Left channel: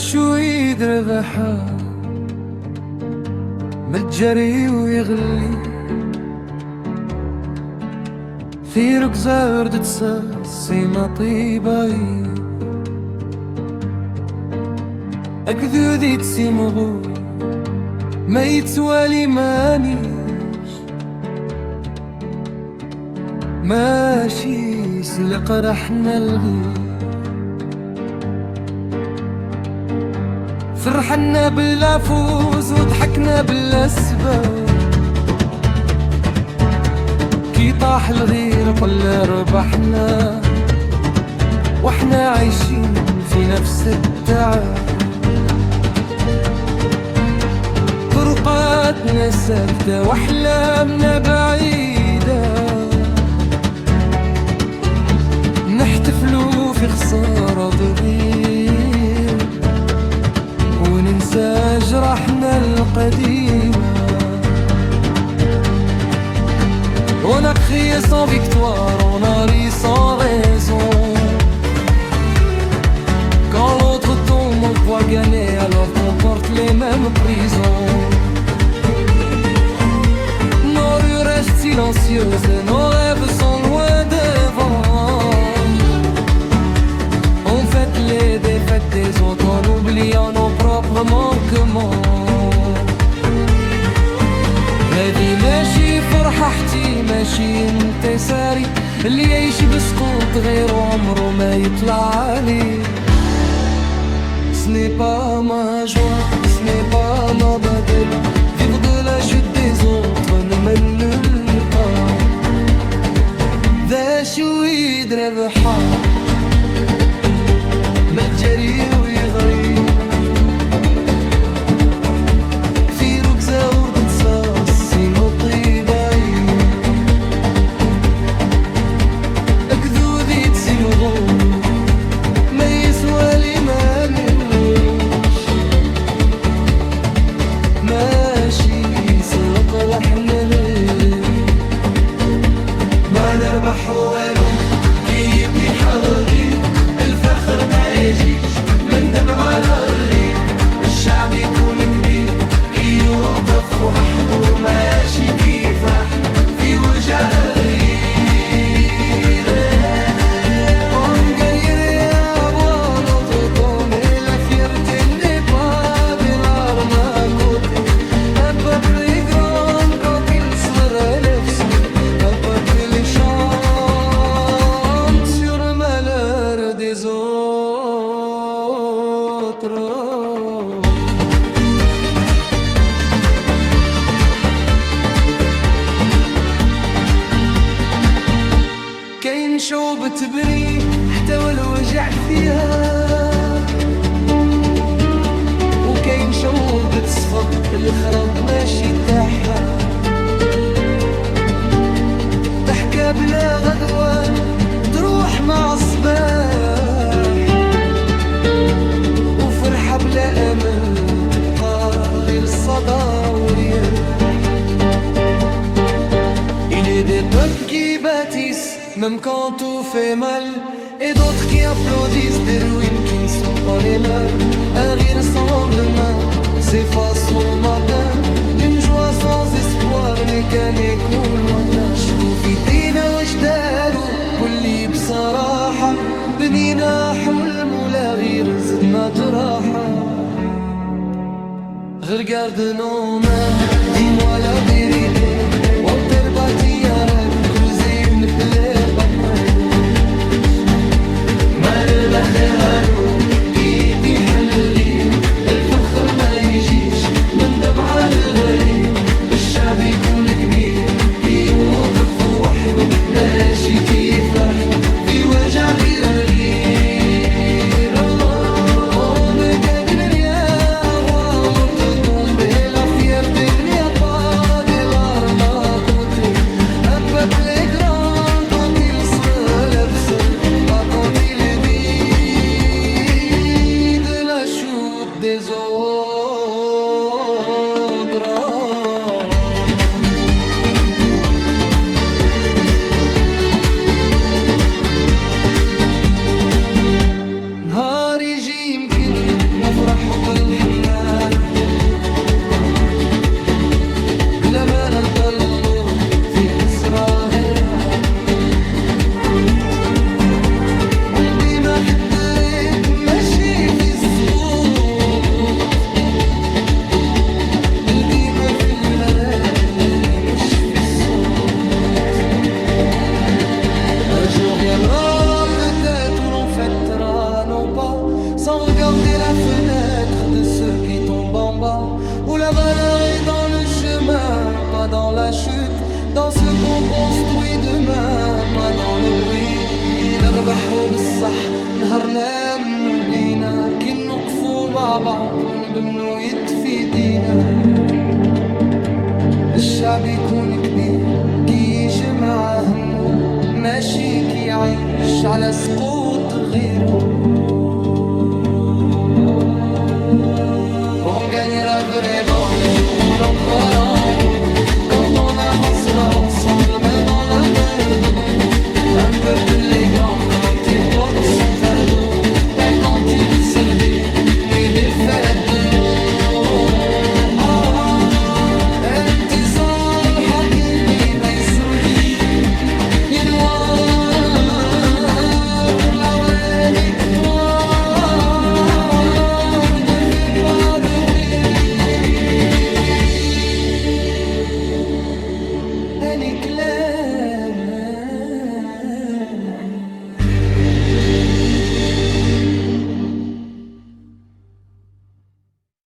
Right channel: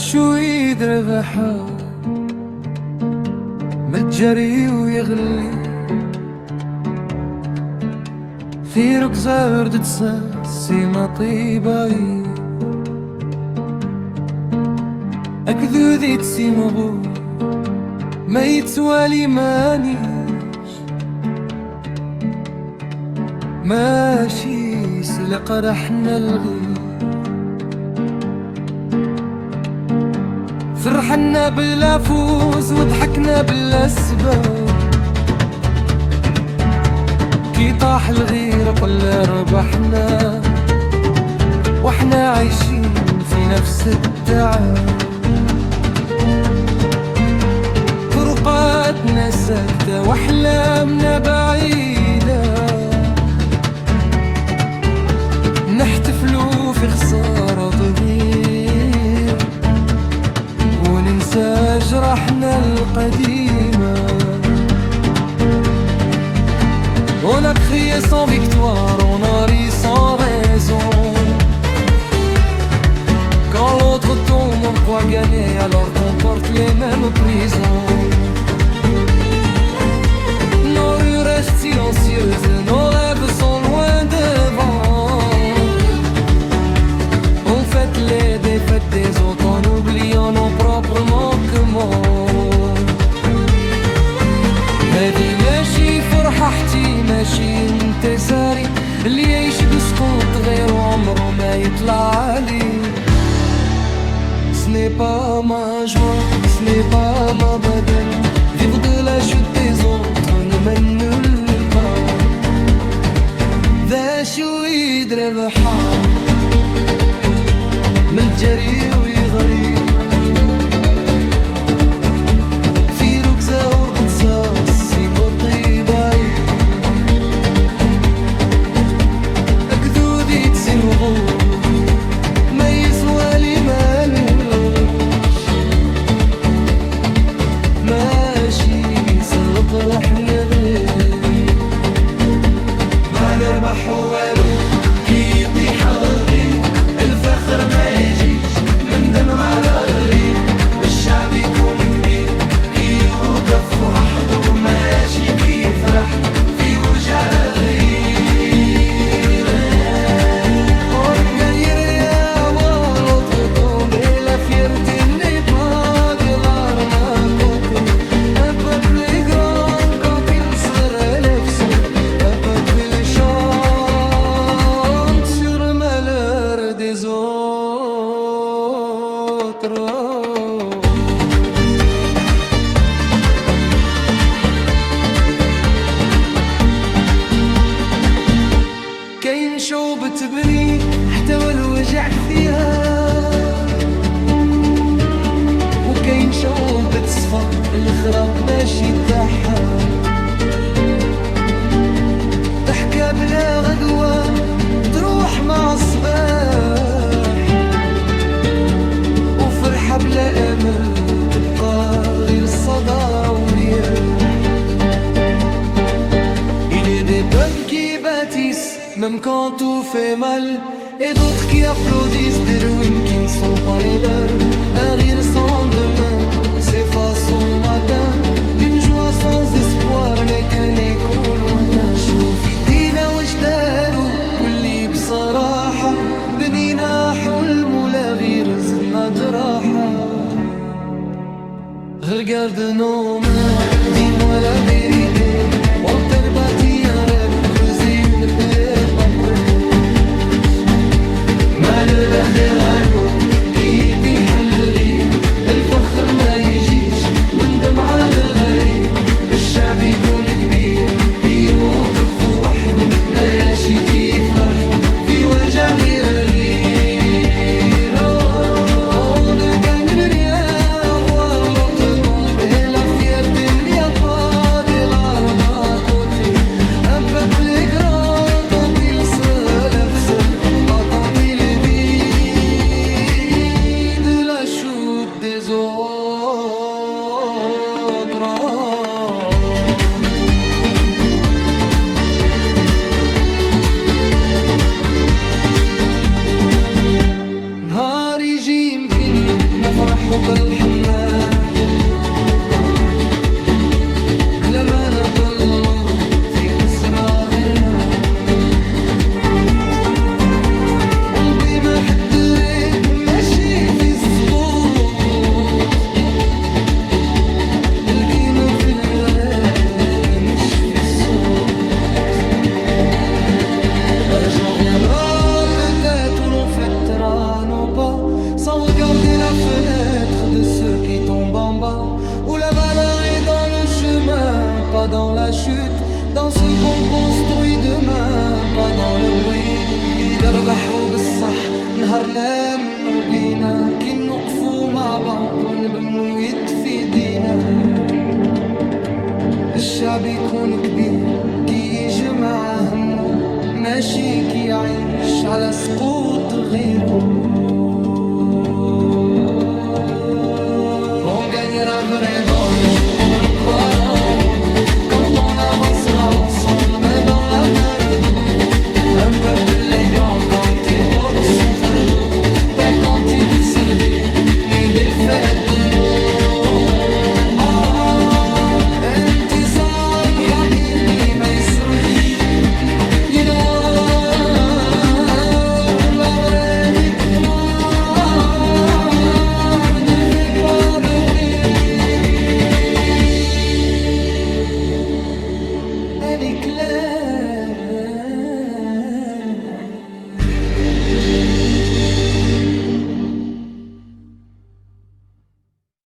شويد ربحها متجري ويغلي في ركزة ورد تساسي ما طيباي أكذوذي تسيمغو ما يتوالي مانيش ماشي سلق رحنا الغي فرحنا بلا فوز وضحكنا بلا سبب كي طاح الغير قل ربحنا واحنا عايشين في نفس التعب فرقاتنا ساكتة واحلامنا بعيدة نحتفلوا في خسارة تغير وننسى جرحنا القديمة. On a crié sans victoire, on a ri sans raison. Quand l'autre tombe, on croit gagner alors qu'on porte les mêmes prisons. Nos rues restent silencieuses, nos rêves sont loin devant. On fête les défaites des autres en oubliant nos propres manquements. هذي ماشي فرحتي ماشي انتصاري اللي يعيش بسقوط غيره عمره ما يطلع عليه. Ce n'est pas ma joie, ce n'est pas ma badelle. Vivre de la chute des autres ne mène nulle part. ذا شويد ربحها متجري ويغري في ركزة ورد تصاصي مطيباي أكذوذي تسيمغور ما يسوالي ماليش ماشي سرق رحنا غير ما نربح والو كي يطيح الغير الفخر ما يجيش من دمع على الغير الشعب يكون كبير كي يوقف وحده ماشي كي يفرح في وجع الغير. On gagnerait à voir l'autre tomber, la fierté n'est pas des larmes à côté. Un peuple est grand quand il se relève seul, un peuple il chante sur le malheur des autres. كاين شعوب تبني حتى والوجع فيها وكاين شعوب تصفق الخراب ماشي تاعها ضحكة بلا غدوة تروح مع الصباح وفرحة بلا أمل تبقى غير الصدى ورياح. Il est des peuples qui bâtissent même quand tout fait mal et d'autres qui applaudissent des ruines qui ne sont pas les leurs. Un rire sans lendemain s'efface au matin, une joie sans espoir n'est qu'un écho lointain. شوفي دينا واش داروا قولي بصراحة بنينا حلم ولا غير زدنا جراحة. Regarde nos mains, dis-moi la vérité. On t'a bâti un rêve ou creusé une plaie par près. مالر الأخير علو كي يطيح الغير الفخر ما يجيش من دمعة الغرير الشعب يكون كبير كي يوقف وحده ماشي كي يفرح في وجع الغير. On ne gagne rien à voir l'autre tomber, la fierté n'y a pas des larmes à côté. Un peuple est grand quand il se relève seul, pas quand il vit de la chute des autres. نهار يجي يمكن نفرحوا بالحمام بلا ما نطلوا في كسرى غيرنا ونبيما حتريك ماشي في السقوط القيمة في الغرام مش في الصوت. Un jour viendra peut-être où l'on fêtera nos pas sans regarder la fenêtre de ceux qui tombent en bas, où la valeur est dans le chemin, pas dans la chute, dans ce qu'on construit demain, pas dans le bruit. نربحوا بالصح نهارنا منو بينا كي نوقفوا مع بعض ونبنوا يد في ايدينا. الشعب يكون كبير كي يجمع همه ماشي كي يعيش على سقوط غيره. On gagnera vraiment le jour où l'on croira en nous, quand on avancera ensemble main dans la main debout. Un peuple est grand quand il porte son fardeau, pas quand il se dit mais défait de l'eau. انتصار حقيقي ما يصرفش ينوار. La vraie victoire ne fait pas de bruit, elle éclaire.